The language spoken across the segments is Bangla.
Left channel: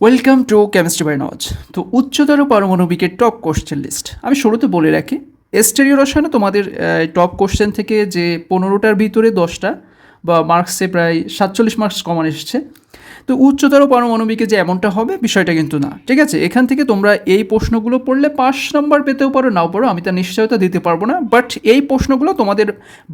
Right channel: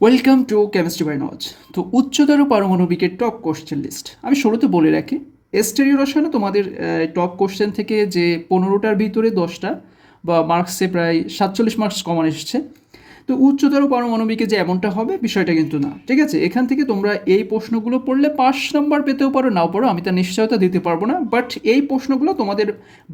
ওয়েলকাম টু কেমিস্ট্রি বাই নজ তো উচ্চতর পারমাণবিকের টপ কোশ্চেন লিস্ট আমি শুরুতে বলে রাখি, এস্টেরিও রসায়নে তোমাদের টপ কোশ্চেন থেকে যে পনেরোটার ভিতরে দশটা বা মার্কসে প্রায় সাতচল্লিশ মার্কস কমন এসেছে তো উচ্চতর পারমাণবিকে যে এমনটা হবে বিষয়টা কিন্তু না। ঠিক আছে? এখান থেকে তোমরা এই প্রশ্নগুলো পড়লে পাঁচ নম্বর পেতেও পারো, নাও পারো আমি তার নিশ্চয়তা দিতে পারব না। বাট এই প্রশ্নগুলো তোমাদের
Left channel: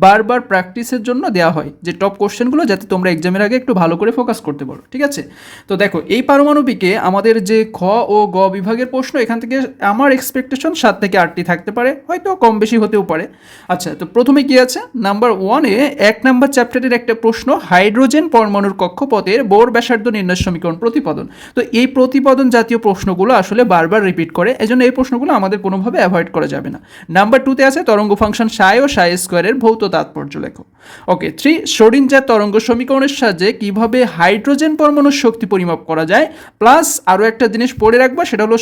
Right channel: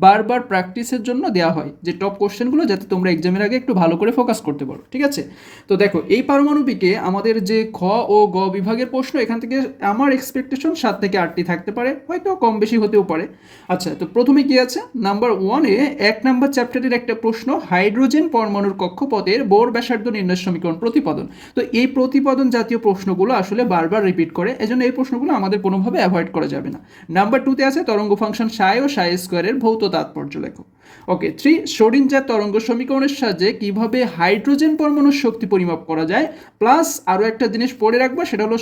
বারবার প্র্যাকটিসের জন্য দেওয়া হয় যে টপ কোশ্চেনগুলো যাতে তোমরা এক্সামের আগে একটু ভালো করে ফোকাস করতে পারো। ঠিক আছে? তো দেখো, এই পারমাণবিকে আমাদের যে খ ও গ বিভাগের প্রশ্ন, এখান থেকে আমার এক্সপেকটেশন সাত থেকে আটটি থাকতে পারে, হয়তো কম বেশি হতেও পারে। আচ্ছা তো প্রথমে কি আছে? নাম্বার ওয়ানে এক নাম্বার চ্যাপ্টারের একটা প্রশ্ন হাইড্রোজেন পরমাণুর কক্ষপথের বোর ব্যাসার্ধ নির্ণয় সমীকরণ প্রতিপাদন। তো এই প্রতিপাদন জাতীয় প্রশ্নগুলো আসলে বারবার রিপিট করে, এজন্য এই প্রশ্নগুলো আমাদের কোনোভাবে অ্যাভয়েড করা যাবে না। নাম্বার টুতে আছে তরঙ্গ ফাংশন সাই ও সাই স্কোয়ারের ভৌত তাৎপর্য লেখো। ওকে থ্রি সরিঞ্জার তরঙ্গ সমীকরণের সাহায্যে কীভাবে হাইড্রোজেন পরমাণুর শক্তি পরিমাপ করা যায়? প্লাস আরও একটা জিনিস পড়ে রাখবা, সেটা হলো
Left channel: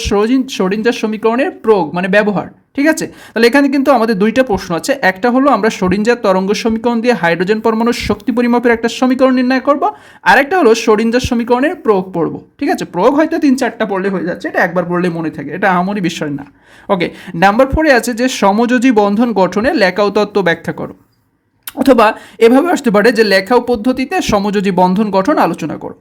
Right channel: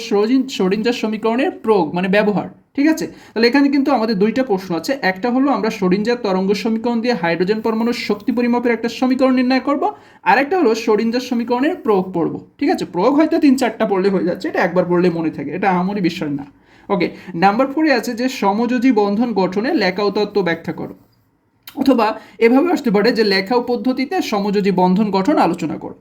সরিঞ্জার সমীকরণের প্রয়োগ মানে ব্যবহার। ঠিক আছে? তাহলে এখানে কিন্তু আমাদের দুইটা প্রশ্ন আছে। একটা হলো, আমরা সরিঞ্জার তরঙ্গ সমীকরণ দিয়ে হাইড্রোজেন পরমাণুর শক্তি পরিমাপের একটা সমীকরণ নির্ণয় করব। আরেকটা হলো, সরিঞ্জার সমীকরণের প্রয়োগ পড়ব। ঠিক আছে? প্রয়োগ হয়তো তিন চারটা পড়লে হয়ে যাচ্ছে, এটা একবার পড়লে মনে থাকে, এটা আমারই বিষয় না। ওকে নাম্বার ফোরে আছে যে, সমযোজী বন্ধন গঠনে লেখাও তত্ত্ব ব্যাখ্যা করো। অথবা এভাবে আসতে পারে যে, লেখাও পদ্ধতিতে সমযোজী বন্ধন গঠন আলোচনা করো।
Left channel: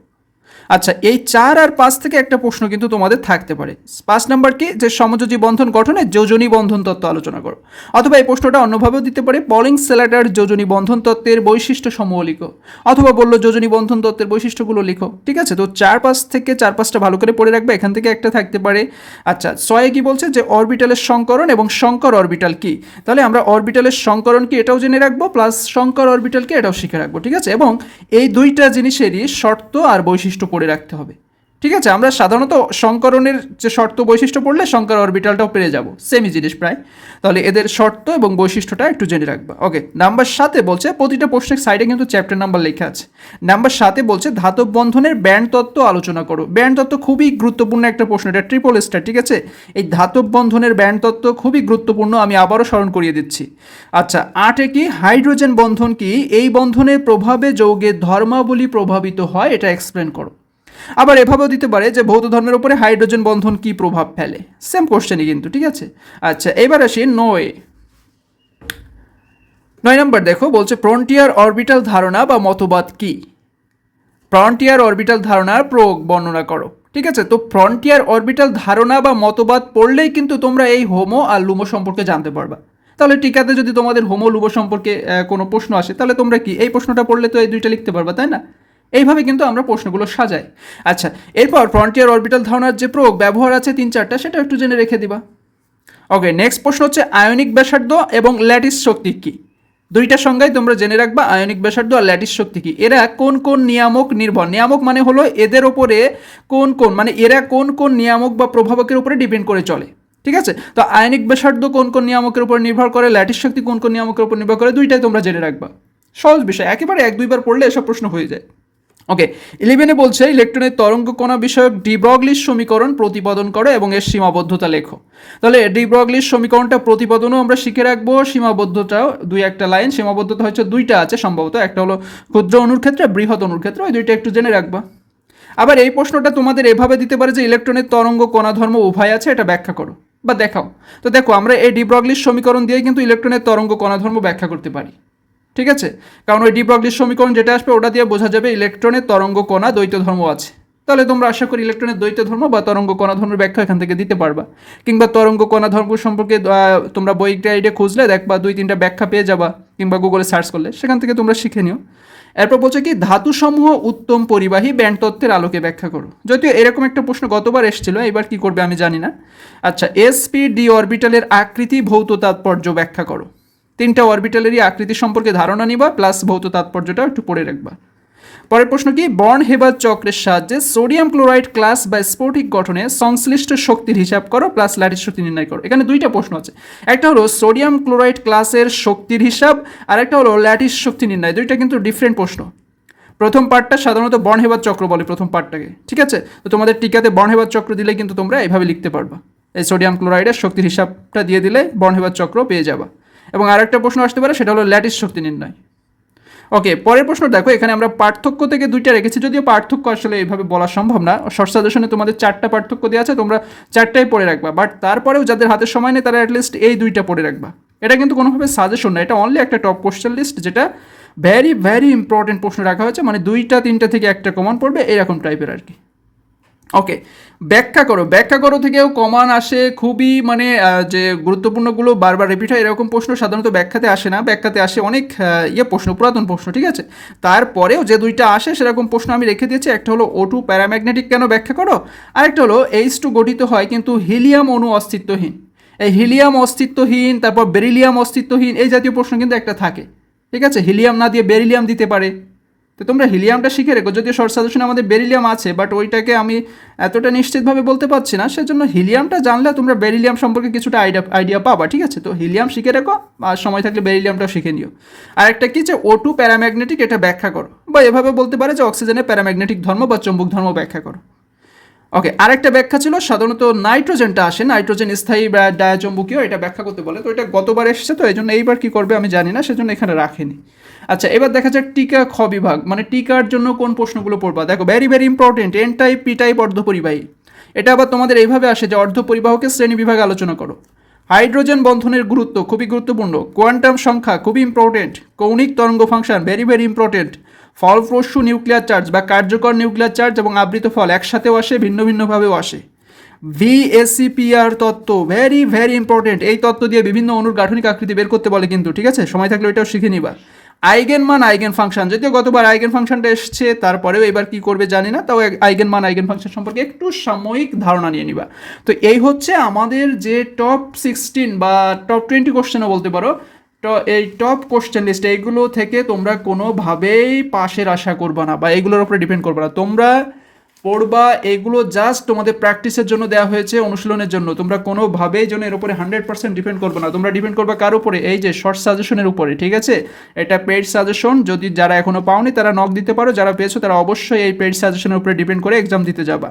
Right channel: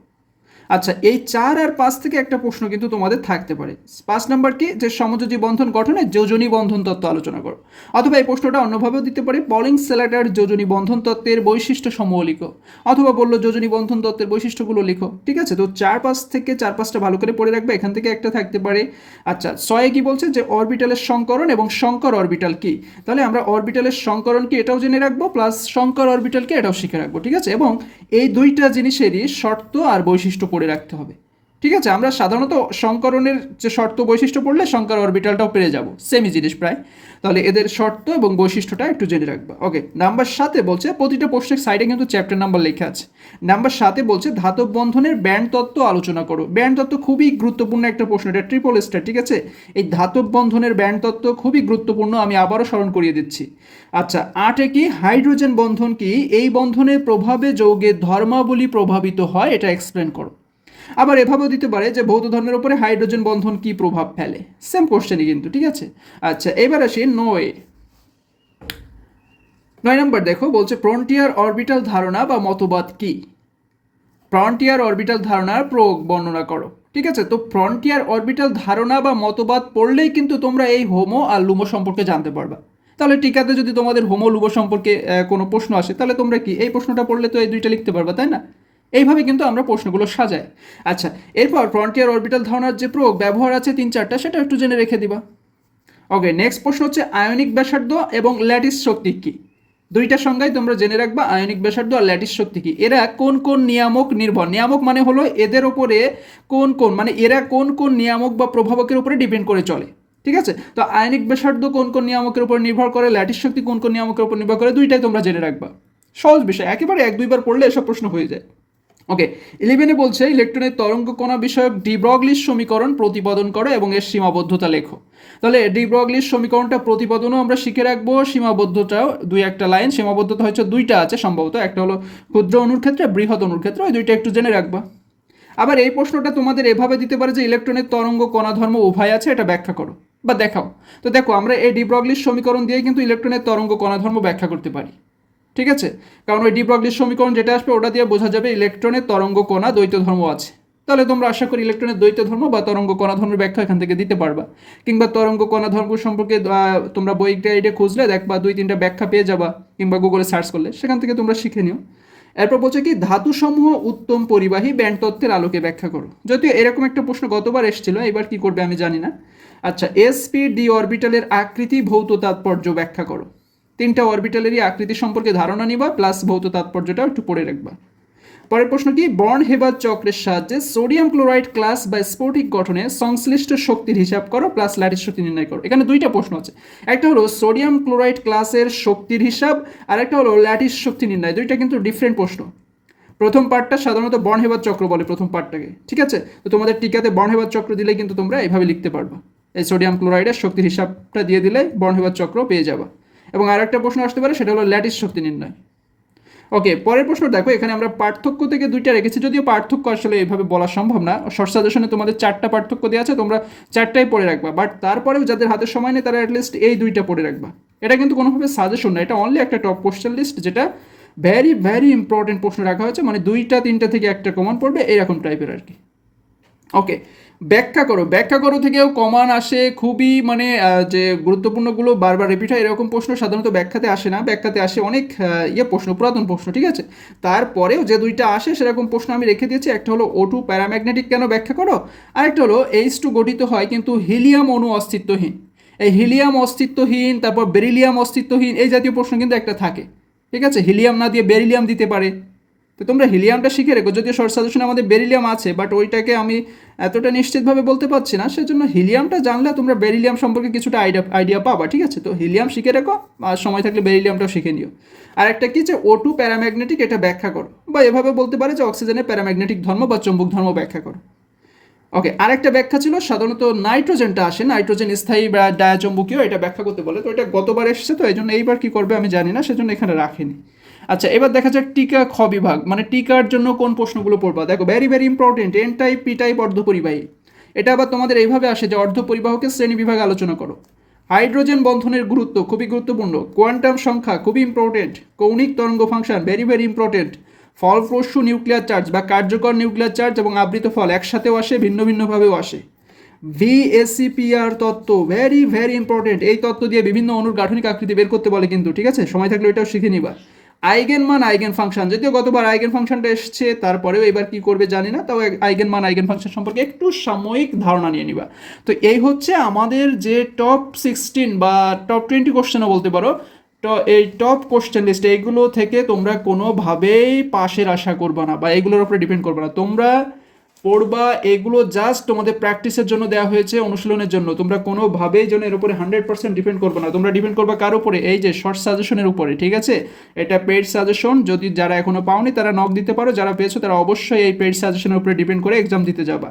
আচ্ছা এই চার আর পাঁচ থেকে একটা প্রশ্ন কিন্তু তোমাদের থাকতে পারে। পাঁচ নাম্বার কি? যে সমযোজী বন্ধন গঠনে যোজনী বন্ধন তত্ত্ব আলোচনা করো। অথবা এই প্রশ্নটা অন্যভাবেও দিতে পারে পলিং সেলাটার যোজনী বন্ধন তত্ত্বের বৈশিষ্ট্য সমূহ লিখো। অথবা বলল যোজনী বন্ধন তত্ত্বের বৈশিষ্ট্যগুলো লিখো। ঠিক আছে? তো চার পাঁচ থেকে চার পাঁচটা ভালো করে পড়ে রাখবে, এখান থেকে একটা থাকতে পারে। আচ্ছা ছয়ে কি বলছে? যে অরবিটালের সংকরণ এবং শঙ্কর অরবিটাল কি? তাহলে আমরা অরবিটালের সংকরণ কি এটাও জেনে রাখব, প্লাস শঙ্কর অরবিটালকে এটাও শিখে রাখব, ঠিক আছে? এবং এই দুইটা জিনিসেরই শর্ত আর বৈশিষ্ট্য পড়ে রাখতে হবে। ঠিক আছে? আমরা সাধারণত সংকরণের যে শর্ত বৈশিষ্ট্য পড়লে সংকর অরবিটালটাও পেরে যাব। সেমই জিনিস প্রায়। তাহলে এদের শর্ত এবং বৈশিষ্ট্যটা একটু জেনে রাখবা। ওকে নাম্বার সাথে বলছে, প্রতিটা প্রশ্নের সাইডে কিন্তু চ্যাপ্টার নাম্বার লেখা আছে। নাম্বার সাথে বলছে, ধাতব বন্ধনের ব্যান্ড তত্ত্ব আলোচনা করো। ব্যান্ড তত্ত্ব খুবই গুরুত্বপূর্ণ একটা প্রশ্ন, এটা ট্রিপল স্টার ঠিক আছে? এই ধাতব বন্ধনের ব্যান্ড তত্ত্ব খুবই গুরুত্বপূর্ণ, আমি আবারও স্মরণ করিয়ে দিচ্ছি। আচ্ছা আটে কি, হাইড্রোজেন বন্ধন কি, এই বন্ধনের প্রভাবে যৌগের ধর্মাবলী প্রভাবিত হয়, এটা এক্সপ্লেন করো। আবার এভাবেও দিতে পারে যে ভৌত ধর্মের উপরে হাইড্রোজেন বন্ধন কি প্রভাব ফেলে? সেম কোশ্চেনই কিন্তু, ঠিক আছে? আচ্ছা এবার আসি নয়। নয় নম্বর দেখো, বলছে ফ্রন্টিয়ার অরবিটাল ধারণা বা মতবাদ কি? ফ্রন্টিয়ার অরবিটাল ধারণার প্রয়োগ বর্ণনা করো, ঠিক আছে? তো ফ্রন্টিয়ার অরবিটাল ধারণা বা মতবাদ পড়লেই কিন্তু তোমরা এই হোমো আর লুমো সম্পর্কে জানতে পারবা। তাহলে টিকাতে যদি তোমাদের হোমো লুমো সম্পর্কে কোনো প্রশ্ন আসে, তাহলে তোমরা কি, এই প্রশ্নটা পড়লে তো এই দুইটা লিখতে পারবা, তাই না? এইভাবে কিন্তু আমরা প্রশ্নগুলো সাজাই। আচ্ছা এরপর ফ্রন্টিয়ার অরবিটাল ধারণার যে প্রয়োগ ব্যবহার আছে তিন চারটা, সেটা একটু জেনে রেখে দিবা। ওকে নেক্সট প্রশ্ন হচ্ছে আয়নিক ব্যাসার্ধ এবং ল্যাটিস শক্তি কী? দুইটা সংজ্ঞায় তোমরা জেনে রাখবা, আয়নিক ব্যাসার্ধ আর ল্যাটিস শক্তি কি। এরা কোন কোন নিয়ামক নির্ভর? নিয়ামক মানে হলো এদের ওপরে কোন কোন মানে এরা কোন কোন নিয়ামক বা প্রভাবকের উপরে ডিপেন্ড করে চলে। ঠিক আছে? তো আয়নিক ব্যাসার্ধ কোন কোন নিয়ামকের উপর নির্ভর করে, ল্যাটিস শক্তি কোন কোন নিয়ামকের উপর নির্ভর করে, দুইটাই তোমরা জেনে রাখবা। সহজ বিষয়, একেবারে এক দুইবার পড়লে এসব প্রশ্ন হয়ে যায়। ওকে ইলেভেনে বলছে ইলেকট্রনের তরঙ্গ কণা বিষয়ক ডিব্রগলির সমীকরণ প্রতিপাদন করো এবং এর সীমাবদ্ধতা লেখো। তাহলে ডিব্রগলির সমীকরণটা প্রতিপাদনও আমরা শিখে রাখব, সীমাবদ্ধতাও দুই একটা লাইন সীমাবদ্ধতা হচ্ছে দুইটা আছে সম্ভবত, একটা হলো ক্ষুদ্র অনুর ক্ষেত্রে, বৃহৎ অনুর ক্ষেত্রে, ওই দুইটা একটু জেনে রাখবা। আবার এই প্রশ্নটা তোমাদের এভাবে দিতে পারে যে ইলেকট্রনের তরঙ্গ কণা ধর্ম উভয় আছে, এটা ব্যাখ্যা করো বা দেখাও। তো দেখো, আমরা এই ডিব্রগলির সমীকরণ দিয়ে কিন্তু ইলেকট্রনের তরঙ্গ কণা ধর্ম ব্যাখ্যা করতে পারি। ঠিক আছে? কারণ ওই ডিব্রগলির সমীকরণ যেটা আসবে, ওটা দিয়ে বোঝা যাবে ইলেকট্রনের তরঙ্গ কণা দ্বৈত ধর্ম আছে। তাহলে তোমরা আশা করি ইলেকট্রনের দ্বৈত ধর্ম বা তরঙ্গ কণা ধর্মের ব্যাখ্যা এখান থেকে দিতে পারবা। কিংবা তরঙ্গ কণা ধর্ম সম্পর্কে তোমরা বই গাইডে খুঁজলে, দেখবা দুই তিনটা ব্যাখ্যা পেয়ে যাবা, কিংবা গুগলে সার্চ করলে, সেখান থেকে তোমরা শিখে নিও। এরপর বলছে কি, ধাতুসমূহ উত্তম পরিবাহী ব্যান্ড তত্ত্বের আলোকে ব্যাখ্যা করো। যদিও এরকম একটা প্রশ্ন গতবার এসেছিল, এবার কি করবে আমি জানি না। আচ্ছা এসপি ডি অরবিটালের আকৃতি ভৌত তাৎপর্য ব্যাখ্যা করো। তিনটা অরবিটালেরই আকৃতি সম্পর্কে ধারণা নিবা প্লাস ভৌত তাৎপর্যটা একটু পড়ে রাখবা। পরের প্রশ্ন কি? বর্ন হেবার চক্রের সাহায্যে সোডিয়াম ক্লোরাইড ক্লাস বা স্ফটিক গঠনে সংশ্লিষ্ট শক্তির হিসাব করো প্লাস ল্যাটিস শক্তি নির্ণয় করো। এখানে দুইটা প্রশ্ন আছে। একটা হলো সোডিয়াম ক্লোরাইড ক্লাসের শক্তির হিসাব, আর একটা হলো ল্যাটিস শক্তি নির্ণয়। দুইটা কিন্তু ডিফারেন্ট প্রশ্ন। প্রথম পার্টটা সাধারণত বর্ণহেবার চক্র বলে প্রথম পার্টটাকে ঠিক আছে? তো তোমাদের টিকাতে বর্ণহেবার চক্র দিলে কিন্তু তোমরা এইভাবে লিখতে পারবা। এই সোডিয়াম ক্লোরাইডের শক্তির হিসাবটা দিয়ে দিলে বর্ণহেবার চক্র পেয়ে যাবা। এবং আরেকটা প্রশ্ন আসতে পারে, সেটা হলো ল্যাটিস শক্তি নির্ণয়। ওকে পরের প্রশ্ন দেখো, এখানে আমরা পার্থক্য থেকে দুইটা রেখেছি, যদিও পার্থক্য আসলে এইভাবে বলা সম্ভব না। শর্ট সাজেশনে তোমাদের চারটা পার্থক্য দেওয়া আছে, তোমরা চারটাই পড়ে রাখবা। বাট তারপরেও যাদের হাতে সময় নেই, তারা অ্যাটলিস্ট এই দুইটা পড়ে রাখবা। এটা কিন্তু কোনোভাবে সাজেশন না, এটা অনলি একটা টপ কোশ্চেন লিস্ট যেটা ভ্যারি ভ্যারি ইম্পর্টেন্ট প্রশ্ন রাখা হয়েছে। মানে দুইটা, তিনটা থেকে একটা কমন পড়বে, এরকম টাইপের আর কি। ওকে ব্যাখ্যা করো ব্যাখ্যা করো থেকেও কমান আসে খুবই মানে যে গুরুত্বপূর্ণগুলো বারবার রিপিট হয়, এরকম প্রশ্ন সাধারণত ব্যাখ্যাতে আসে না। ব্যাখ্যাতে আসে অনেক ইয়ে প্রশ্ন, পুরাতন প্রশ্ন, ঠিক আছে? তারপরেও যে দুইটা আসে, সেরকম প্রশ্ন আমি রেখে দিয়েছি। একটা হলো ও টু প্যারাম্যাগনেটিক কেন ব্যাখ্যা করো? আরেকটা হলো এইচ টু গঠিত হয় কিন্তু হিলিয়াম অণু অস্তিত্বহীন। এই হিলিয়াম অস্তিত্বহীন, তারপর বেরিলিয়াম অস্তিত্বহীন, এই জাতীয় প্রশ্ন কিন্তু একটা থাকে। ঠিক আছে? হিলিয়াম না দিয়ে বেরিলিয়াম দিতে পারে। তো তোমরা হিলিয়ামটা শিখে রেখো। যদিও শর্ট সাজেশনে আমাদের বেরিলিয়াম আছে বাট ওইটাকে আমি এতটা নিশ্চিতভাবে বলতে পারছি না। সেজন্য হিলিয়ামটা জানলে তোমরা বেরিলিয়াম সম্পর্কে কিছুটা আইডিয়া আইডিয়া পাবা, ঠিক আছে? তো হিলিয়াম শিখে রেখো, আর সময় থাকলে বেরিলিয়ামটাও শিখে নিও। আর একটা কি যে ও টু প্যারাম্যাগনেটিক এটা ব্যাখ্যা করো। বা এভাবে বলতে পারে যে অক্সিজেনের প্যারাম্যাগনেটিক ধর্ম বা চুম্বক ধর্ম ব্যাখ্যা করো। ওকে আরেকটা ব্যাখ্যা ছিল, সাধারণত নাইট্রোজেনটা আসে, নাইট্রোজেন স্থায়ী ডায়াচম্বকীয়, এটা ব্যাখ্যা করতে বলে। তো এটা গতবার এসেছে, তো এই জন্য এইবার কী করবে আমি জানি না, সেজন্য এখানে রাখিনি। আচ্ছা এবার দেখা যাক টিকা খ বিভাগ। মানে টিকার জন্য কোন প্রশ্নগুলো পড়বা? দেখো very very important N type P type অর্ধপরিবাহী এটা আবার তোমাদের এইভাবে আসে যে অর্ধপরিবাহকের শ্রেণি বিভাগ আলোচনা করো। হাইড্রোজেন বন্ধনের গুরুত্ব খুবই গুরুত্বপূর্ণ। কোয়ান্টাম সংখ্যা খুবই ইম্পর্টেন্ট কৌণিক তরঙ্গ ফাংশন ভেরি ভেরি ইম্পর্টেন্ট ফলপ্রসূ নিউক্লিয়ার চার্জ বা কার্যকর নিউক্লিয়ার চার্জ এবং আবৃত ফল একসাথেও আসে, ভিন্ন, ভিন্নভাবেও আসে। ভিএসিপিআর তত্ত্ব ভেরি ভেরি ইম্পর্টেন্ট এই তত্ত্ব দিয়ে বিভিন্ন অনুর গাঠনিক আকৃতি বের করতে বলে কিন্তু, ঠিক আছে? সময় থাকলে ওইটাও শিখে নিবা। আইগেন মান আইগেন ফাংশন যদিও গতবার আইগেন ফাংশনটা এসছে, তারপরেও এবার কি করবে জানি না, তাও আইগেন মান আইগেন ফাংশন সম্পর্কে একটু সাময়িক ধারণা নিয়ে নিবা। তো এই হচ্ছে আমাদের যে টপ সিক্সটিন বা টপ টোয়েন্টি কোশ্চেনও বলতে পারো, তো এই টপ কোশ্চেন লিস্ট এইগুলো থেকে তোমরা কোনোভাবেই পাশের আশা করবা না বা এইগুলোর উপরে ডিপেন্ড করবে না। তোমরা পড়বা, এগুলো জাস্ট তোমাদের প্র্যাকটিসের জন্য দেওয়া হয়েছে, অনুশীলনের জন্য। তোমরা কোনোভাবেই যেন এর উপরে হান্ড্রেড পার্সেন্ট ডিপেন্ড করবে না। তোমরা ডিপেন্ড করবে কার উপরে? এই যে শর্ট সাজেশনের উপরে, ঠিক আছে? এটা পেড সাজেশন যদি যারা এখনও পাওনি, তারা নক দিতে পারো। যারা পেয়েছ, তারা অবশ্যই এই পেড সাজেশনের উপরে ডিপেন্ড করে এক্সাম দিতে যাবা।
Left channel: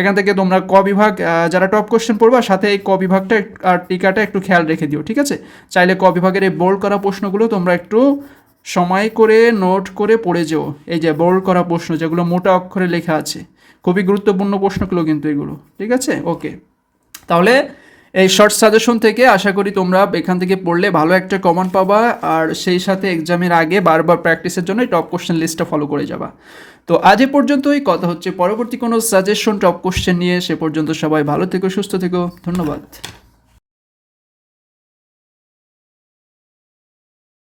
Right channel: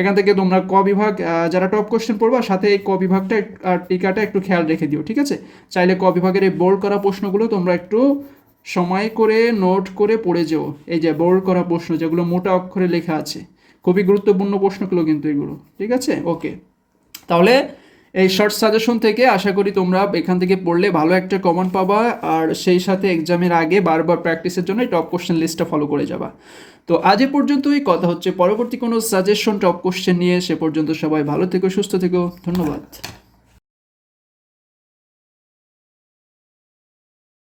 এখান থেকে তোমরা ক বিভাগ যারা টপ কোশ্চেন পড়বা, সাথে এই ক বিভাগটা আর টিকাটা একটু খেয়াল রেখে দিও, ঠিক আছে? চাইলে ক বিভাগের এই বোর্ড করা প্রশ্নগুলো তোমরা একটু সময় করে নোট করে পড়ে যেও। এই যে বোর্ড করা প্রশ্ন, যেগুলো মোটা অক্ষরে লেখা আছে। খুবই গুরুত্বপূর্ণ প্রশ্নগুলো কিন্তু এগুলো। ঠিক আছে? ওকে তাহলে এই শর্ট সাজেশন থেকে আশা করি তোমরা এখান থেকে পড়লে ভালো একটা কমন পাবা আর সেই সাথে এক্সামের আগে বারবার প্র্যাকটিসের জন্য টপ কোশ্চেন লিস্টটা ফলো করে যাবা। তো আজ এ পর্যন্তই, কথা হচ্ছে পরবর্তী কোনো সাজেশন টপ কোশ্চেন নিয়ে, সে পর্যন্ত সবাই ভালো থেকো, সুস্থ থেকো, ধন্যবাদ।